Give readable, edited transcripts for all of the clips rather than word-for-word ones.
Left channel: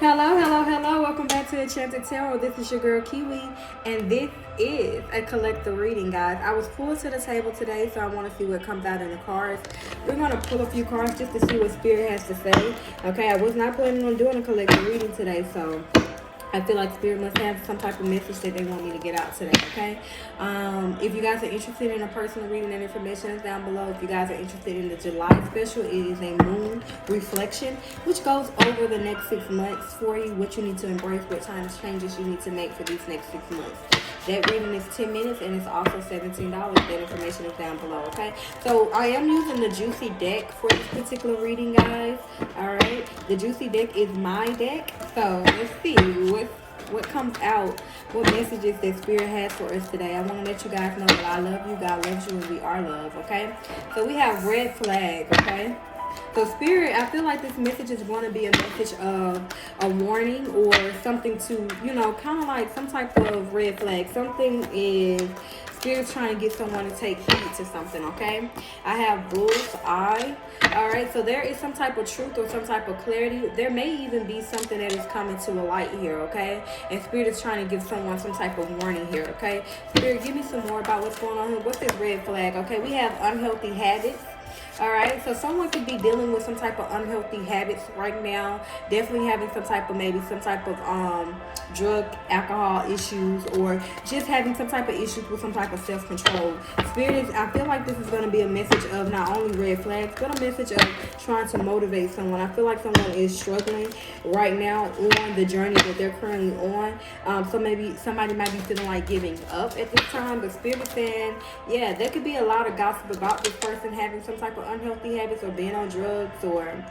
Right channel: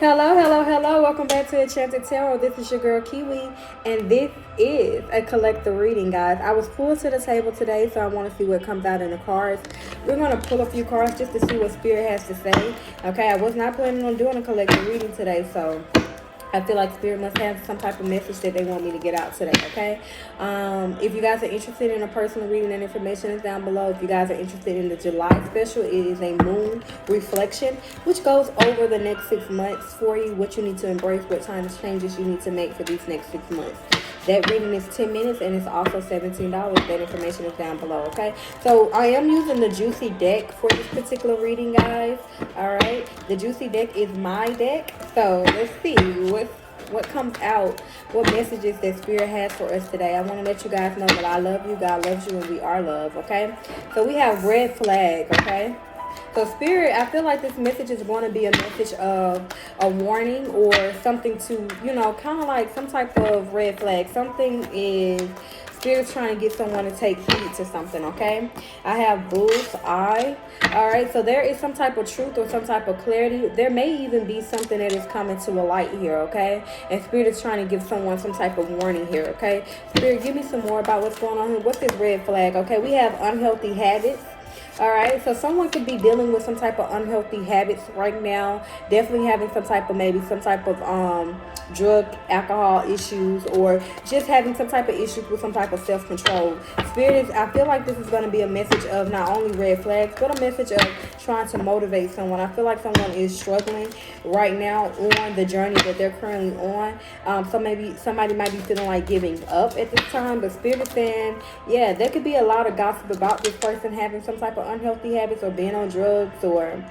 Hello, hello, hello. Welcome back to Enchanted Tarot. This is your girl Kiwi, and this is a collective reading, guys. I was pulled to the table today, so I want to see what comes out in the cards. We're going to pull a few cards just to see what Spirit has to say. Okay, I was not planning on doing a collective reading today, so I feel like Spirit must have some type of message that they want me to get out today, okay? If you guys are interested in a personal reading, and information is down below. If you guys are interested in the July special, it is a moon reflection, which goes over the next 6 months for you, what you need to embrace, what kind of changes you need to make for these next 6 months. That reading is 10 minutes, and it's also $17. That information is down below, okay? So I am using the Juicy deck for this particular reading, guys. All right, the Juicy deck is my deck. So let's see what comes out, what messages that Spirit has for us today. I want to let you guys know that I love you, God loves you, and we are love, okay? So we have red flag, okay? So Spirit, I feel like this message is going to be a message of a warning or something to, you know, kind of like some type of red flag. Something is, Spirit's trying to get someone to take heed to something, okay? I have bull's eye. All right, so there is some type of truth or some type of clarity. There may even be something that is coming to a light here, okay? And Spirit is trying to give someone some type of warning here, okay? Spirit, give me some more about what's going on here. What's this red flag, okay? We have unhealthy habits. All right, so someone could be dealing with some type of unhealthy habits right now. Definitely having some type of, maybe some type of drug, alcohol issues, or just having some type of issues with some type of self-control. Spirit is, I feel like this is going to be a message of not only red flags, but a message of trying to motivate someone. I feel like someone is struggling right now on the journey that they're currently on. So maybe somebody might be feeling like giving up at this time, but Spirit is saying, yeah, there could be a lot of gossip about this person having some type of unhealthy habits or being on drugs, or,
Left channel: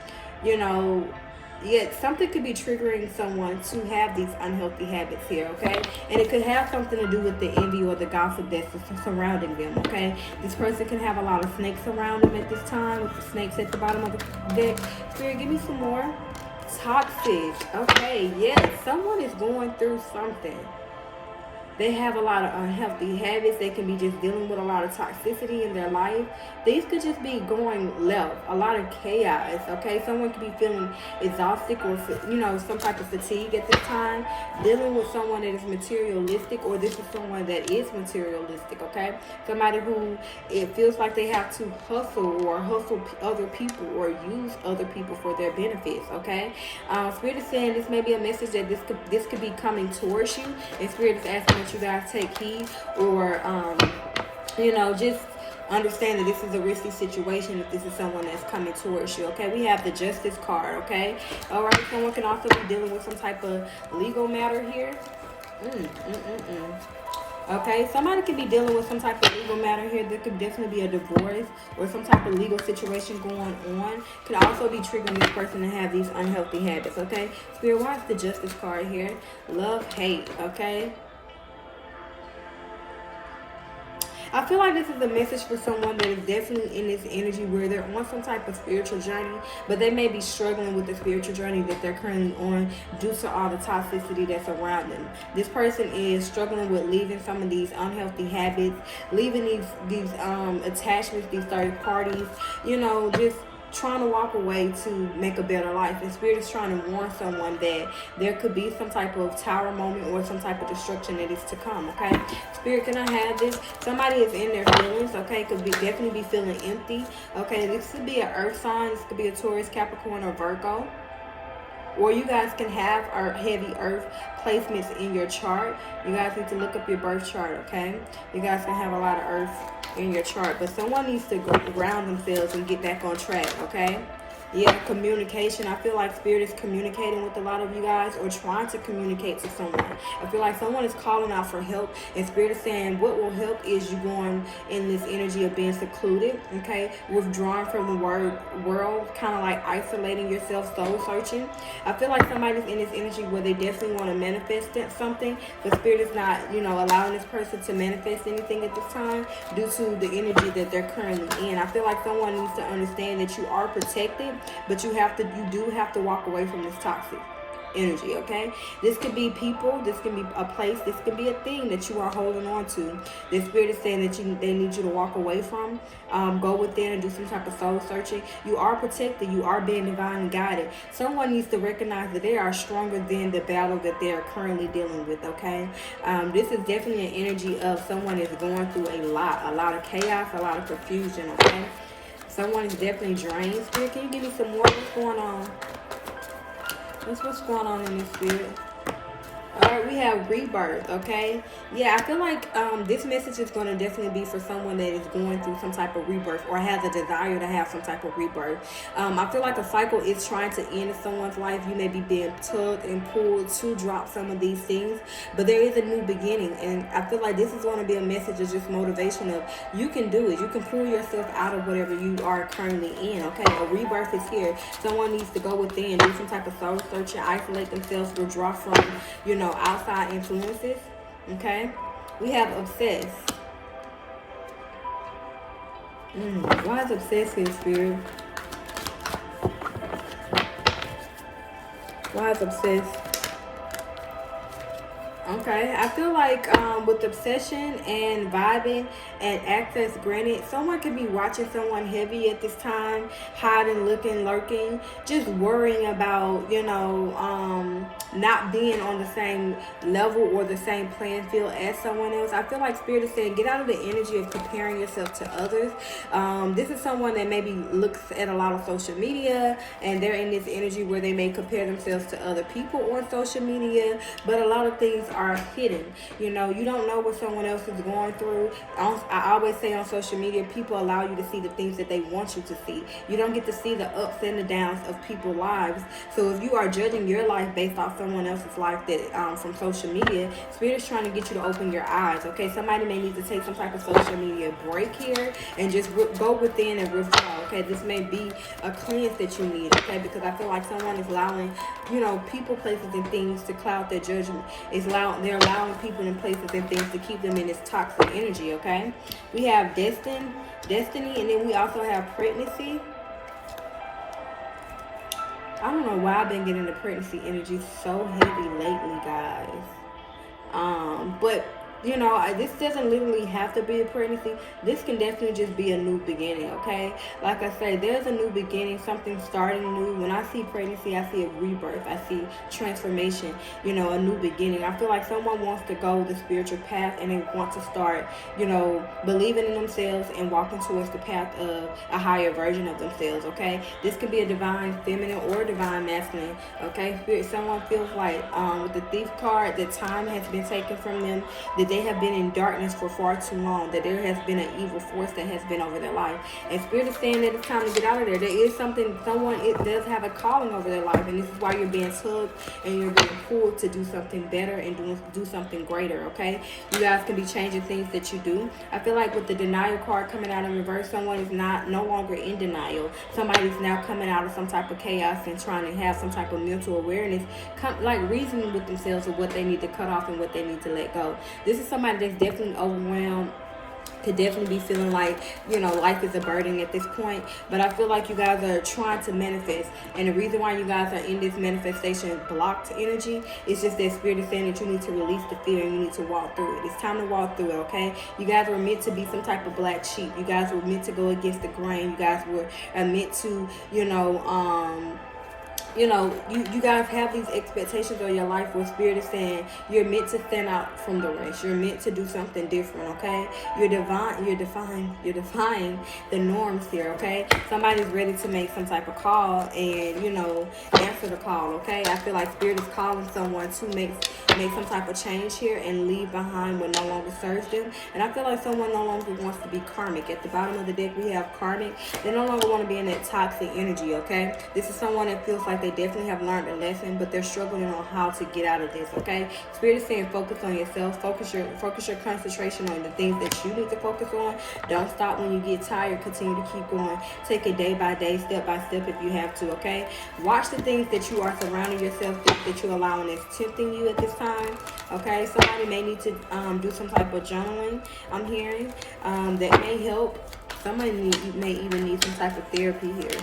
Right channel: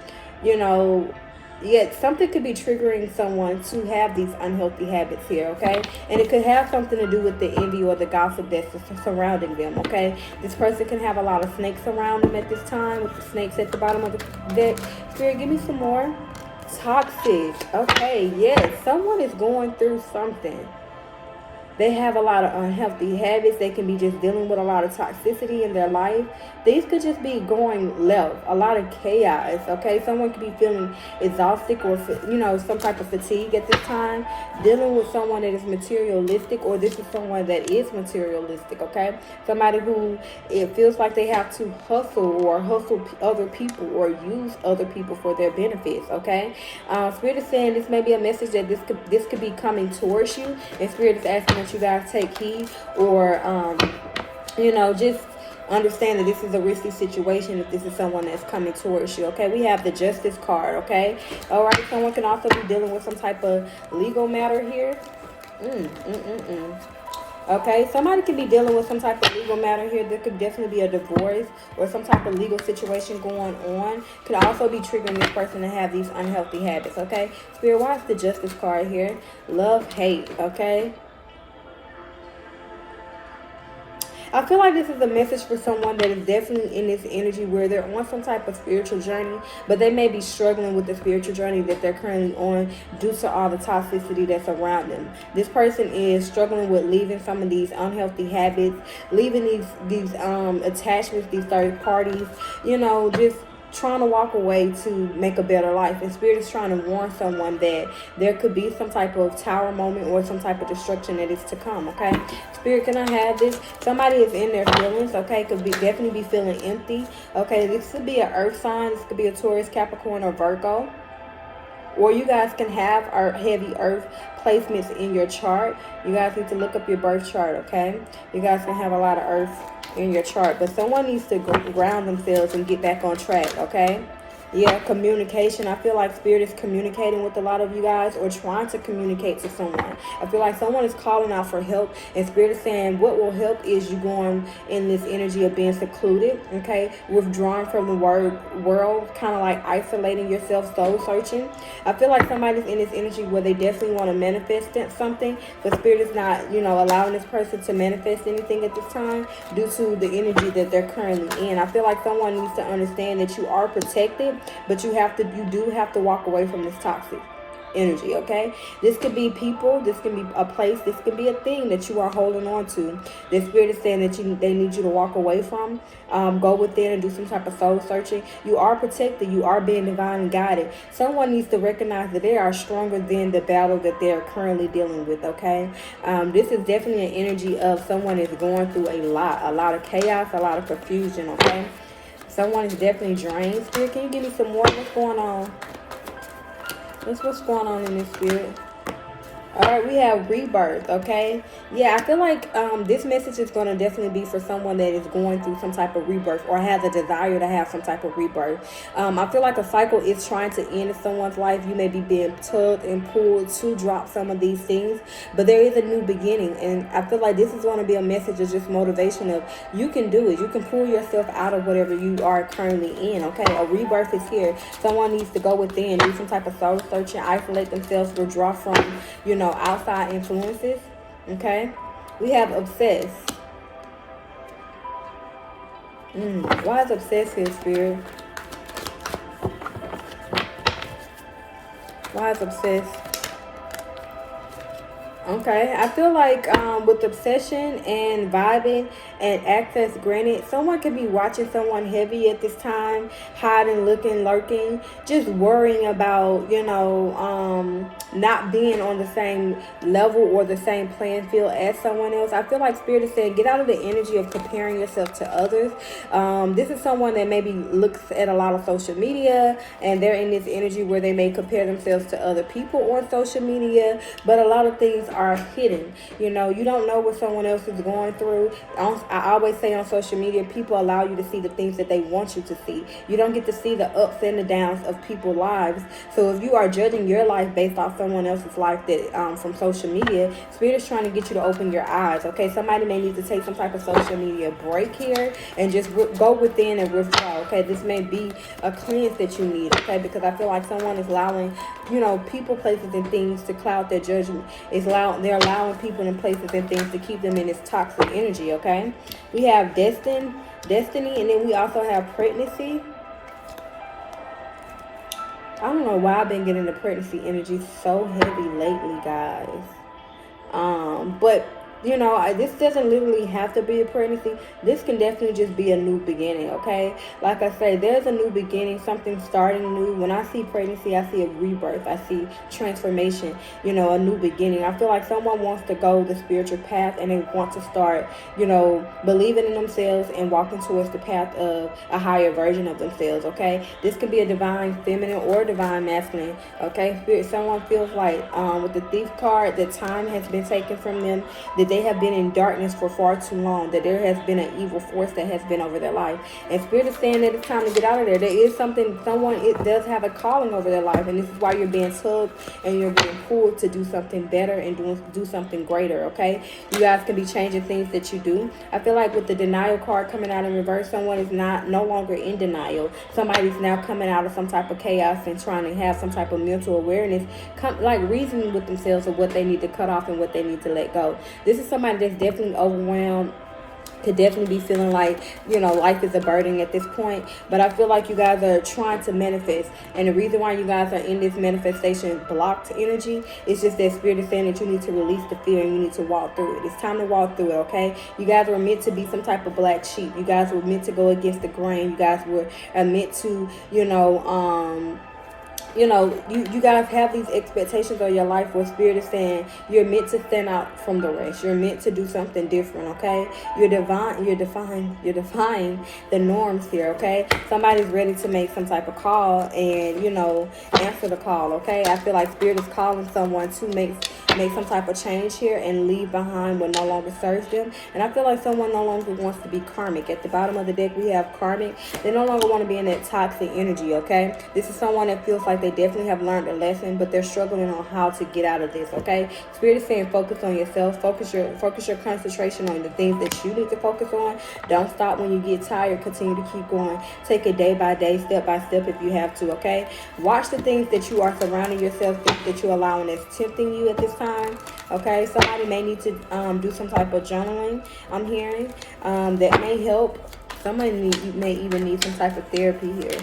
you know, yeah, something could be triggering someone to have these unhealthy habits here, okay? And it could have something to do with the envy or the gossip that's surrounding them, okay? This person can have a lot of snakes around them at this time, with the snakes at the bottom of the deck. Spirit, give me some more. Toxic. Okay, yes, someone is going through something. They have a lot of unhealthy habits. They can be just dealing with a lot of toxicity in their life. These could just be going left. A lot of chaos, okay? Someone could be feeling exhausted or, you know, some type of fatigue at this time. Dealing with someone that is materialistic, or this is someone that is materialistic, okay? Somebody who, it feels like they have to hustle or hustle other people or use other people for their benefits, okay? Spirit is saying this may be a message that this could be coming towards you, and Spirit is asking that you guys take heed, or you know, just understand that this is a risky situation if this is someone that's coming towards you, okay? We have the Justice card, okay? All right, someone can also be dealing with some type of legal matter here. Okay, somebody could be dealing with some type of legal matter here. There could definitely be a divorce or some type of legal situation going on. Could also be triggering this person to have these unhealthy habits, okay? Spirit, why is the Justice card here? Love, hate, okay? I feel like this is a message for someone that is definitely in this energy where they're on some type of spiritual journey, but they may be struggling with the spiritual journey that they're currently on due to all the toxicity that's around them. This person is struggling with leaving some of these unhealthy habits, leaving these attachments, these third parties, you know, just trying to walk away to make a better life. And Spirit is trying to warn someone that there could be some type of tower moment or some type of destruction that is to come, okay? Spirit, can I have this? Somebody is in their feelings, okay? Could be definitely be feeling empty, okay? This could be an earth sign. This could be a Taurus, Capricorn, or Virgo. Or you guys can have our heavy earth placements in your chart. You guys need to look up your birth chart, okay? You guys can have a lot of earth in your chart, but someone needs to ground themselves and get back on track, okay? Yeah, communication. I feel like Spirit is communicating with a lot of you guys, or trying to communicate to someone. I feel like someone is calling out for help, and Spirit is saying what will help is you going in this energy of being secluded, okay? Withdrawing from the world, kind of like isolating yourself, soul searching. I feel like somebody's in this energy where they definitely want to manifest something, but Spirit is not, you know, allowing this person to manifest anything at this time due to the energy that they're currently in. I feel like someone needs to understand that you are protected, but you do have to walk away from this toxic. energy, okay? This could be people, this can be a place, this could be a thing that you are holding on to. The spirit is saying that they need you to walk away from. Go within and do some type of soul searching. You are protected. You are being divinely guided. Someone needs to recognize that they are stronger than the battle that they are currently dealing with, okay? This is definitely an energy of someone is going through a lot of chaos, a lot of confusion, okay? Someone is definitely drained. Spirit, can you give me some more? What's going on? What's going on in this spirit? All right, we have rebirth, okay? Yeah, I feel like this message is going to definitely be for someone that is going through some type of rebirth or has a desire to have some type of rebirth. I feel like a cycle is trying to end in someone's life. You may be being tugged and pulled to drop some of these things, but there is a new beginning. And I feel like this is going to be a message of just motivation of you can do it. You can pull yourself out of whatever you are currently in, okay? A rebirth is here. Someone needs to go within, do some type of soul searching, isolate themselves, withdraw from, you know, outside influences, okay? We have obsessed. Why is obsessed here, spirit? Why is obsessed? Okay, I feel like with obsession and vibing and access granted, someone could be watching someone heavy at this time, hiding, looking, lurking, just worrying about, you know, not being on the same level or the same playing field as someone else. I feel like Spirit is saying, get out of the energy of comparing yourself to others. This is someone that maybe looks at a lot of social media and they're in this energy where they may compare themselves to other people on social media, but a lot of things are hidden. You know, you don't know what someone else is going through. I always say on social media, people allow you to see the things that they want you to see. You don't get to see the ups and the downs of people's lives. So if you are judging your life based off someone else's life that from social media, Spirit is trying to get you to open your eyes, okay? Somebody may need to take some type of social media break here and just go within and withdraw, okay? This may be a cleanse that you need, okay? Because I feel like someone is allowing, you know, people, places, and things to cloud their judgment. They're allowing people and places and things to keep them in this toxic energy, okay? We have destiny, and then we also have pregnancy. I don't know why I've been getting the pregnancy energy so heavy lately, guys. But you know, this doesn't literally have to be a pregnancy. This can definitely just be a new beginning, okay? Like I say, there's a new beginning, something starting new. When I see pregnancy, I see a rebirth. I see transformation, you know, a new beginning. I feel like someone wants to go the spiritual path and they want to start, you know, believing in themselves and walking towards the path of a higher version of themselves, okay? This could be a divine feminine or divine masculine, okay? Someone feels like with the Thief card, that time has been taken from them, that they have been in darkness for far too long, that there has been an evil force that has been over their life. And Spirit is saying that it's time to get out of there. There is it does have a calling over their life, and this is why you're being tugged and you're being pulled to do something better and do something greater, okay? You guys can be changing things that you do. I feel like with the denial card coming out in reverse, someone is no longer in denial. Somebody's now coming out of some type of chaos and trying to have some type of mental awareness, like reasoning with themselves of what they need to cut off and what they need to let go. This is somebody that's definitely overwhelmed, could definitely be feeling like, you know, life is a burden at this point. But I feel like you guys are trying to manifest, and the reason why you guys are in this manifestation blocked energy is just that Spirit is saying that you need to release the fear and you need to walk through it. It's time to walk through it, okay? You guys were meant to be some type of black sheep. You guys were meant to go against the grain. You guys are meant to, you know, you guys have these expectations of your life where Spirit is saying you're meant to stand out from the rest. You're meant to do something different, okay? You're defying the norms here, okay? Somebody's ready to make some type of call and, you know, answer the call, okay? I feel like Spirit is calling someone to make some type of change here and leave behind what no longer serves them. And I feel like someone no longer wants to be karmic. At the bottom of the deck, we have karmic. They no longer want to be in that toxic energy, okay? This is someone that feels like they definitely have learned a lesson, but they're struggling on how to get out of this, okay? Spirit is saying focus on yourself. Focus your concentration on the things that you need to focus on. Don't stop when you get tired. Continue to keep going. Take it day by day, step by step if you have to, okay? Watch the things that you are surrounding yourself with, that you're allowing that's tempting you at this time, okay? Somebody may need to do some type of journaling, I'm hearing, that may help. Somebody may even need some type of therapy here.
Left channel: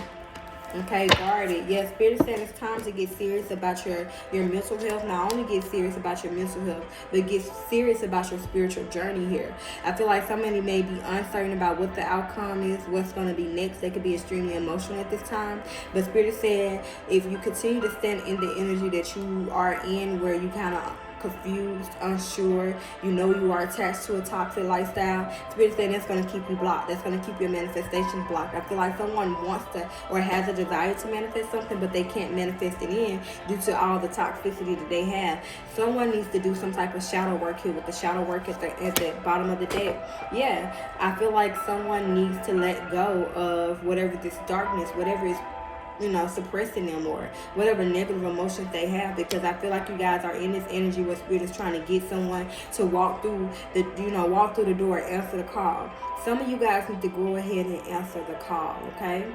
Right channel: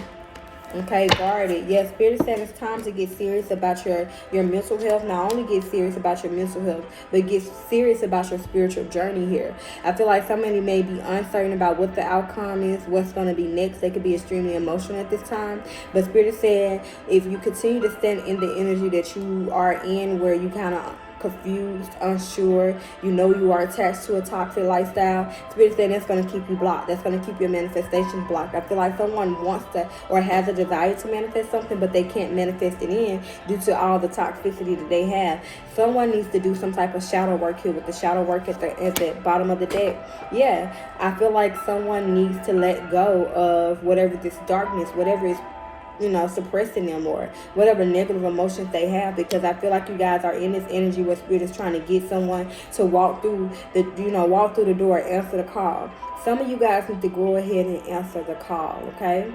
Okay, guard it. Yes, Spirit is saying it's time to get serious about your mental health. Not only get serious about your mental health, but get serious about your spiritual journey here. I feel like somebody may be uncertain about what the outcome is, what's going to be next. They could be extremely emotional at this time. But Spirit is saying if you continue to stand in the energy that you are in, where you kind of confused, unsure, you know you are attached to a toxic lifestyle, Spirit said that's going to keep you blocked. That's going to keep your manifestation blocked. I feel like someone wants to or has a desire to manifest something, but they can't manifest it in due to all the toxicity that they have. Someone needs to do some type of shadow work here with the shadow work at the bottom of the deck. Yeah, I feel like someone needs to let go of whatever this darkness, whatever is suppressing them or whatever negative emotions they have, because I feel like you guys are in this energy where Spirit is trying to get someone to walk through the door and answer the call. Some of you guys need to go ahead and answer the call, okay?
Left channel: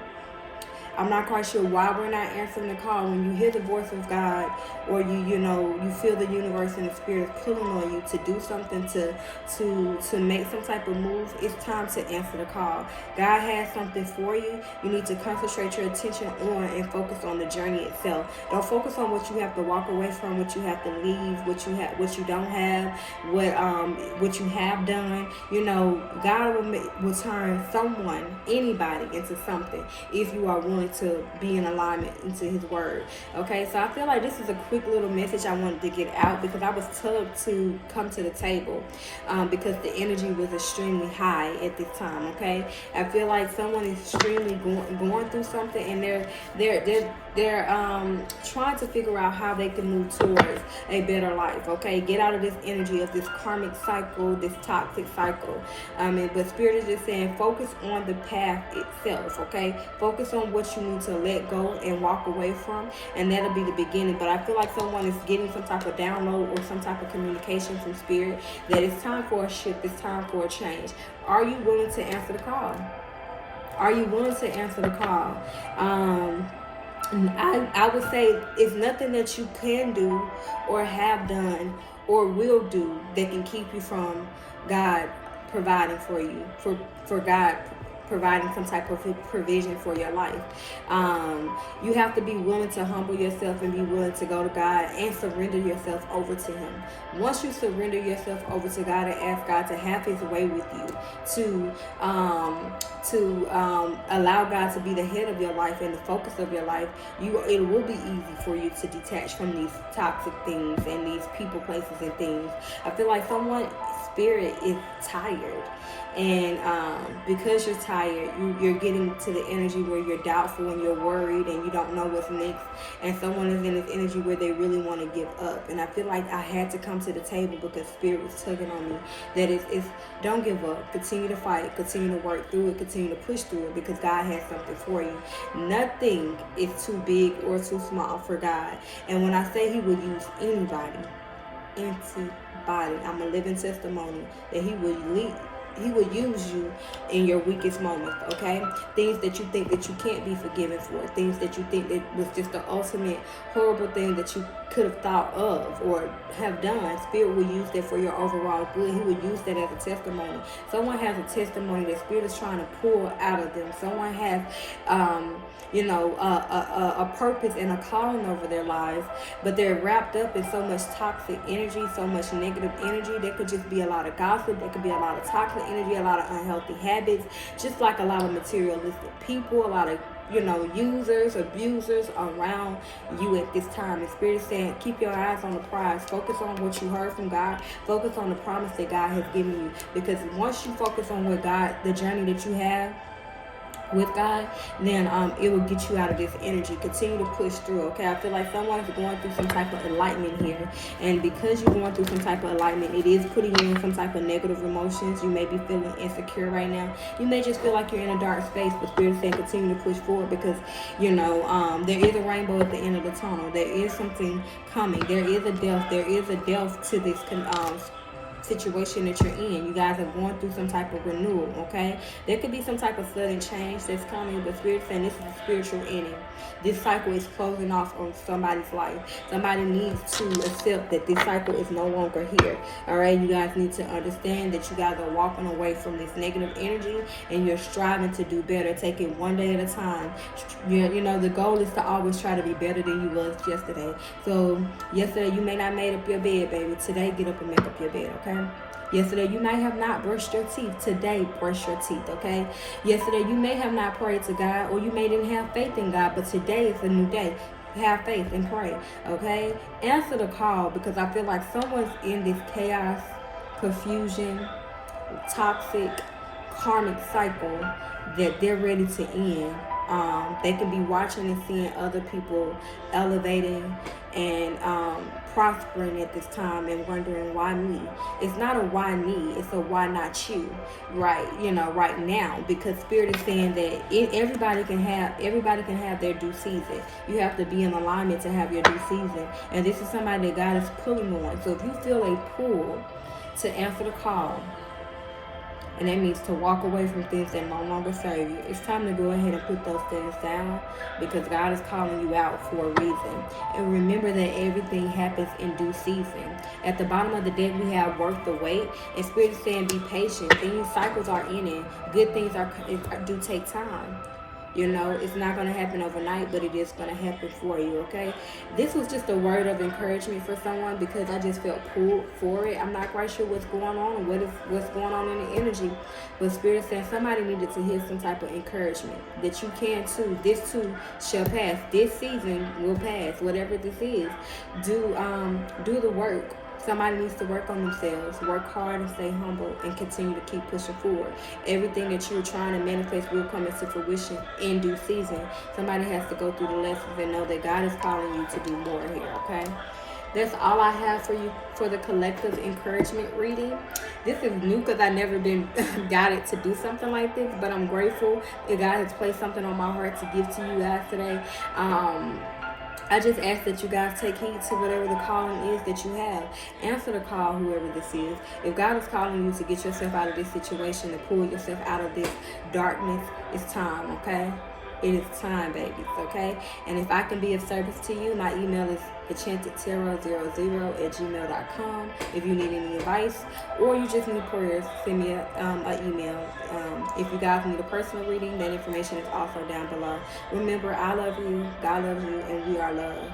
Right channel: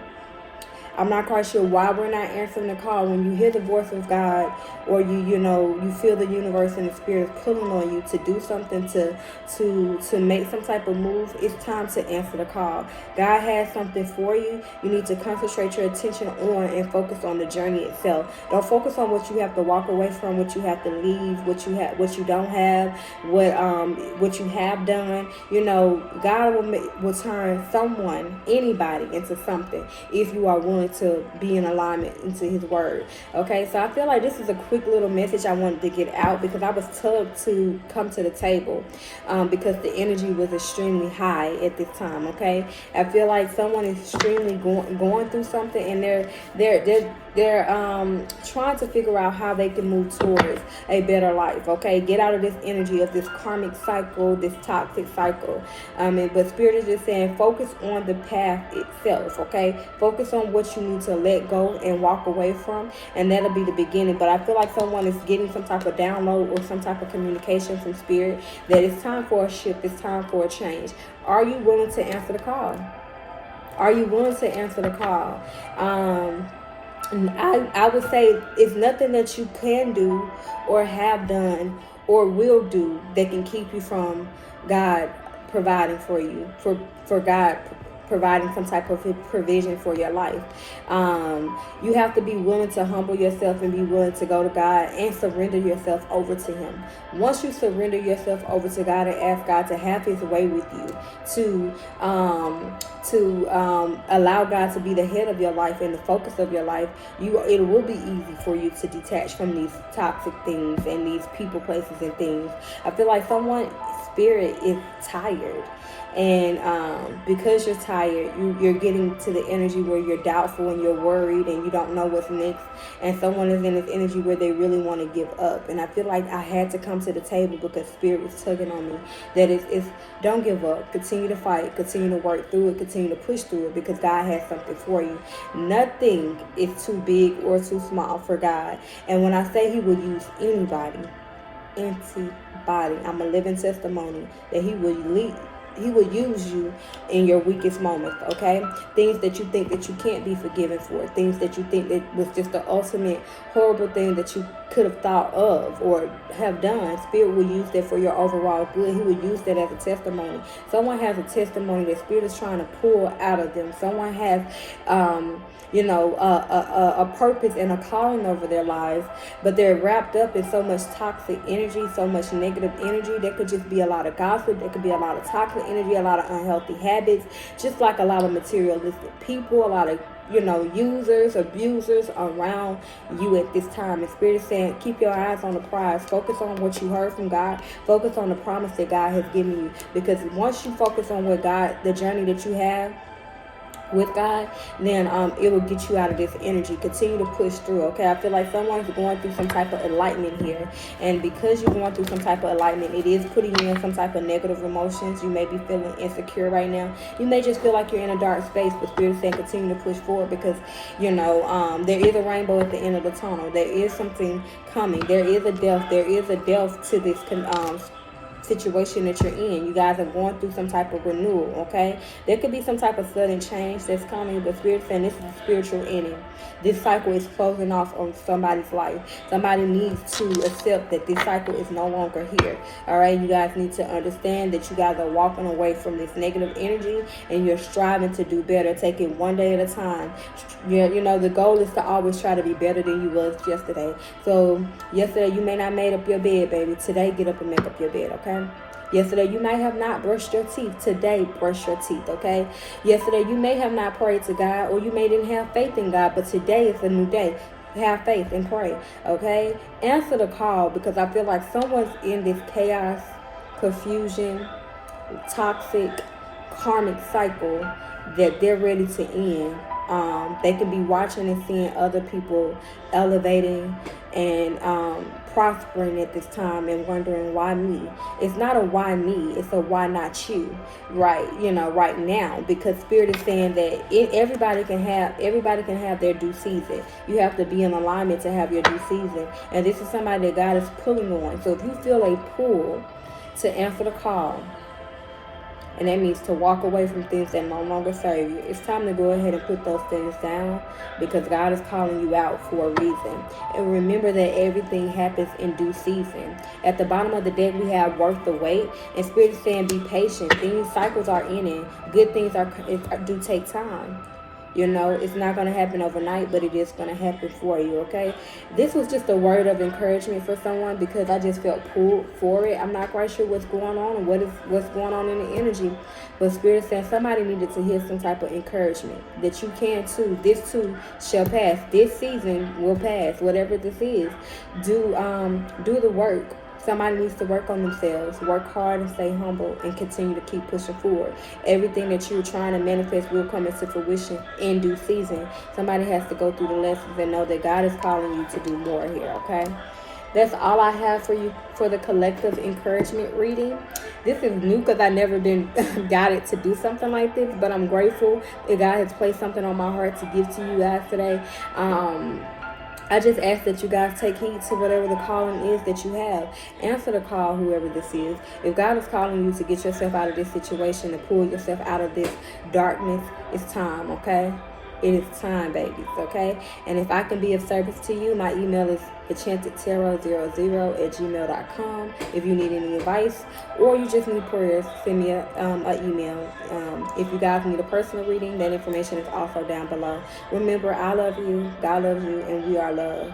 I'm not quite sure why we're not answering the call. When you hear the voice of God, or you feel the universe and the Spirit pulling on you to do something, to make some type of move, it's time to answer the call. God has something for you. You need to concentrate your attention on and focus on the journey itself. Don't focus on what you have to walk away from, what you have to leave, what you don't have, what you have done. God will turn someone, anybody, into something if you are willing to be in alignment into His word. Okay, so I feel like this is a quick little message I wanted to get out, because I was tugged to come to the table because the energy was extremely high at this time. Okay, I feel like someone is extremely going through something, and they're trying to figure out how they can move towards a better life. Okay, get out of this energy of this karmic cycle, this toxic cycle. But Spirit is just saying focus on the path itself. Okay, focus on what you need to let go and walk away from, and that'll be the beginning. But I feel like someone is getting some type of download or some type of communication from Spirit that it's time for a shift, it's time for a change. Are you willing to answer the call? Are you willing to answer the call? I would say it's nothing that you can do or have done or will do that can keep you from God providing for you, for God providing some type of provision for your life. You have to be willing to humble yourself and be willing to go to God and surrender yourself over to Him. Once you surrender yourself over to God and ask God to have His way with you, to allow God to be the head of your life and the focus of your life, it will be easy for you to detach from these toxic things and these people, places, and things. I feel like someone's spirit is tired. And because you're tired, you're getting to the energy where you're doubtful and you're worried and you don't know what's next. And someone is in this energy where they really want to give up. And I feel like I had to come to the table because Spirit was tugging on me. That it's don't give up. Continue to fight. Continue to work through it. Continue to push through it, because God has something for you. Nothing is too big or too small for God. And when I say He will use anybody, I'm a living testimony that He will use you in your weakest moments, okay? Things that you think that you can't be forgiven for, things that you think that was just the ultimate horrible thing that you could have thought of or have done. Spirit will use that for your overall good. He will use that as a testimony. Someone has a testimony that Spirit is trying to pull out of them. Someone has, a purpose and a calling over their lives, but they're wrapped up in so much toxic energy, so much negative energy. There could just be a lot of gossip. There could be a lot of toxic energy, a lot of unhealthy habits, just like a lot of materialistic people, a lot of users, abusers around you at this time. And Spirit is saying, keep your eyes on the prize. Focus on what you heard from God. Focus on the promise that God has given you. Because once you focus on what God, the journey that you have with God, then it will get you out of this energy. Continue to push through, okay? I feel like someone's going through some type of enlightenment here, and because you're going through some type of enlightenment, it is putting you in some type of negative emotions. You may be feeling insecure right now. You may just feel like you're in a dark space, but Spirit saying continue to push forward, because there is a rainbow at the end of the tunnel. There is something coming. There is a depth to this situation that you're in. You guys are going through some type of renewal, okay? There could be some type of sudden change that's coming, but Spirit saying this is a spiritual ending. This cycle is closing off on somebody's life. Somebody needs to accept that this cycle is no longer here. All right, you guys need to understand that you guys are walking away from this negative energy and you're striving to do better. Take it one day at a time. You know, the goal is to always try to be better than you was yesterday. So yesterday you may not made up your bed, baby. Today, get up and make up your bed, okay? Yesterday, you may have not brushed your teeth. Today, brush your teeth, okay? Yesterday, you may have not prayed to God, or you may didn't have faith in God, but today is a new day. Have faith and pray, okay? Answer the call, because I feel like someone's in this chaos, confusion, toxic, karmic cycle that they're ready to end. They could be watching and seeing other people elevating and prospering at this time and wondering, why me? It's not a why me, it's a why not you, right? You know, right now, because Spirit is saying that everybody can have their due season. You have to be in alignment to have your due season, and this is somebody that God is pulling on. So if you feel a pull to answer the call, and that means to walk away from things that no longer serve you, it's time to go ahead and put those things down, because God is calling you out for a reason. And remember that everything happens in due season. At the bottom of the deck, we have worth the wait. And Spirit is saying, be patient. Things, cycles are in it. Good things do take time. You know, it's not going to happen overnight, but it is going to happen for you, okay? This was just a word of encouragement for someone, because I just felt pulled for it. I'm not quite sure what's going on and what's going on in the energy. But Spirit said somebody needed to hear some type of encouragement that you can too. This too shall pass. This season will pass, whatever this is. Do the work. Somebody needs to work on themselves, work hard and stay humble, and continue to keep pushing forward. Everything that you're trying to manifest will come into fruition in due season. Somebody has to go through the lessons and know that God is calling you to do more here, okay? That's all I have for you for the collective encouragement reading. This is new because I've never been guided to do something like this, but I'm grateful that God has placed something on my heart to give to you guys today. I just ask that you guys take heed to whatever the calling is that you have. Answer the call, whoever this is. If God is calling you to get yourself out of this situation, to pull yourself out of this darkness, it's time, okay? It is time, babies, okay? And if I can be of service to you, my email is enchantedtarot00@gmail.com. If you need any advice or you just need prayers, send me an email. If you guys need a personal reading, that information is also down below. Remember, I love you, God loves you, and we are loved.